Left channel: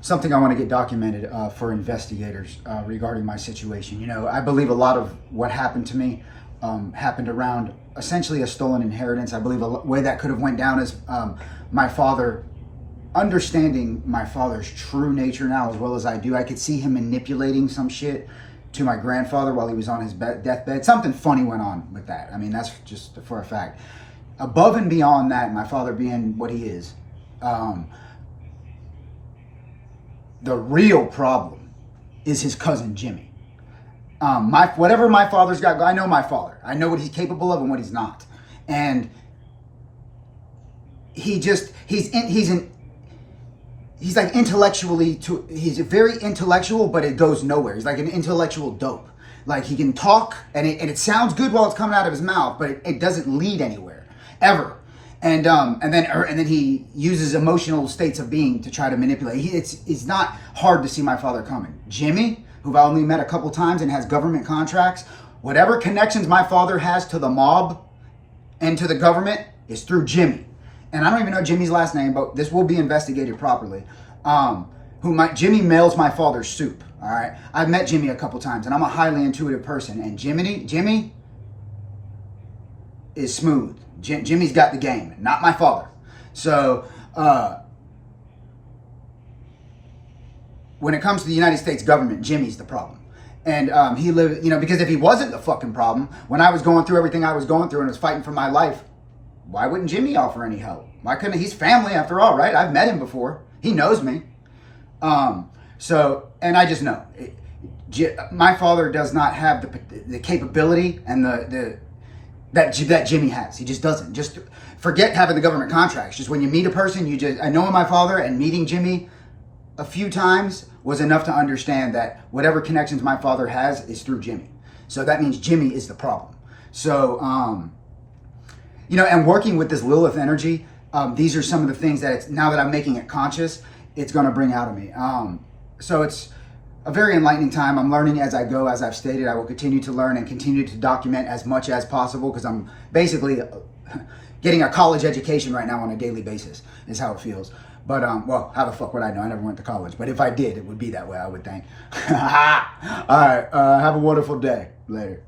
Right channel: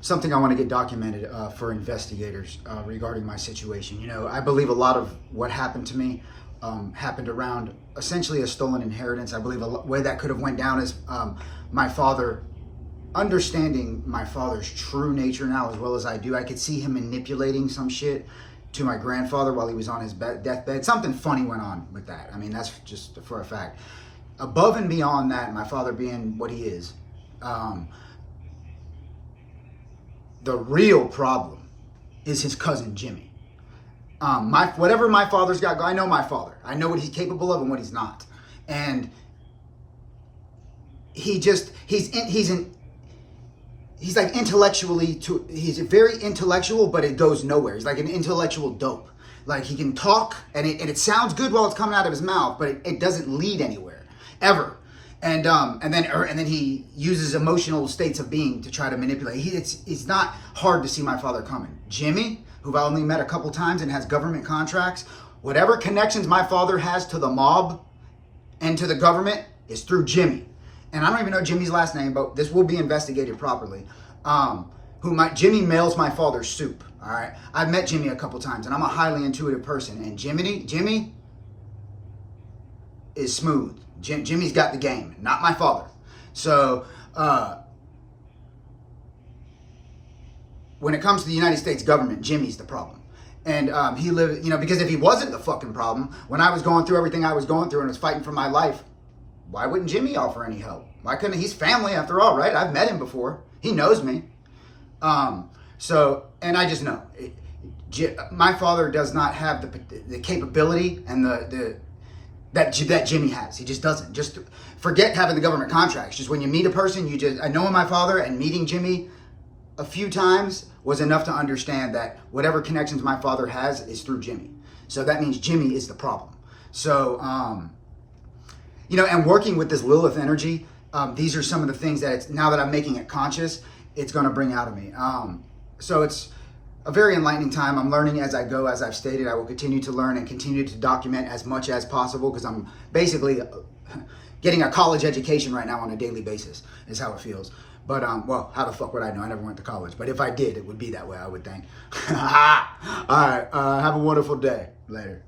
something I want to get documented for investigators regarding my situation. You know, I believe a lot of what happened to me happened around essentially a stolen inheritance. I believe a way that could have went down is my father, understanding my father's true nature now as well as I do. I could see him manipulating some shit to my grandfather while he was on his deathbed. Something funny went on with that. I mean, that's just for a fact. Above and beyond that, my father being what he is, the real problem is his cousin Jimmy. Whatever my father's got, I know my father. I know what he's capable of and what he's not. And he's like intellectually, he's very intellectual, but it goes nowhere. He's like an intellectual dope. Like he can talk and it sounds good while it's coming out of his mouth, but it doesn't lead anywhere, ever. And then he uses emotional states of being to try to manipulate. It's not hard to see my father coming. Jimmy, who I only met a couple times and has government contracts, whatever connections my father has to the mob and to the government is through Jimmy. And I don't even know Jimmy's last name, but this will be investigated properly. Jimmy mails my father soup. All right, I've met Jimmy a couple times, and I'm a highly intuitive person. And Jimmy is smooth. Jimmy's got the game, not my father. So when it comes to the United States government, Jimmy's the problem. And he lived, you know, because if he wasn't the fucking problem, when I was going through everything I was going through and was fighting for my life, why wouldn't Jimmy offer any help? Why couldn't he's family after all, right? I've met him before. He knows me. And I just know my father does not have the capability and that Jimmy has. He just doesn't. Just forget having the government contracts. Just when you meet a person, I know my father, and meeting Jimmy a few times was enough to understand that whatever connections my father has is through Jimmy. So that means Jimmy is the problem. So, you know, and working with this Lilith energy, these are some of the things that now that I'm making it conscious, it's going to bring out of me. So it's a very enlightening time. I'm learning as I go. As I've stated, I will continue to learn and continue to document as much as possible because I'm basically getting a college education right now on a daily basis is how it feels. But, well, how the fuck would I know? I never went to college. But if I did, it would be that way, I would think. All right. Have a wonderful day. Later.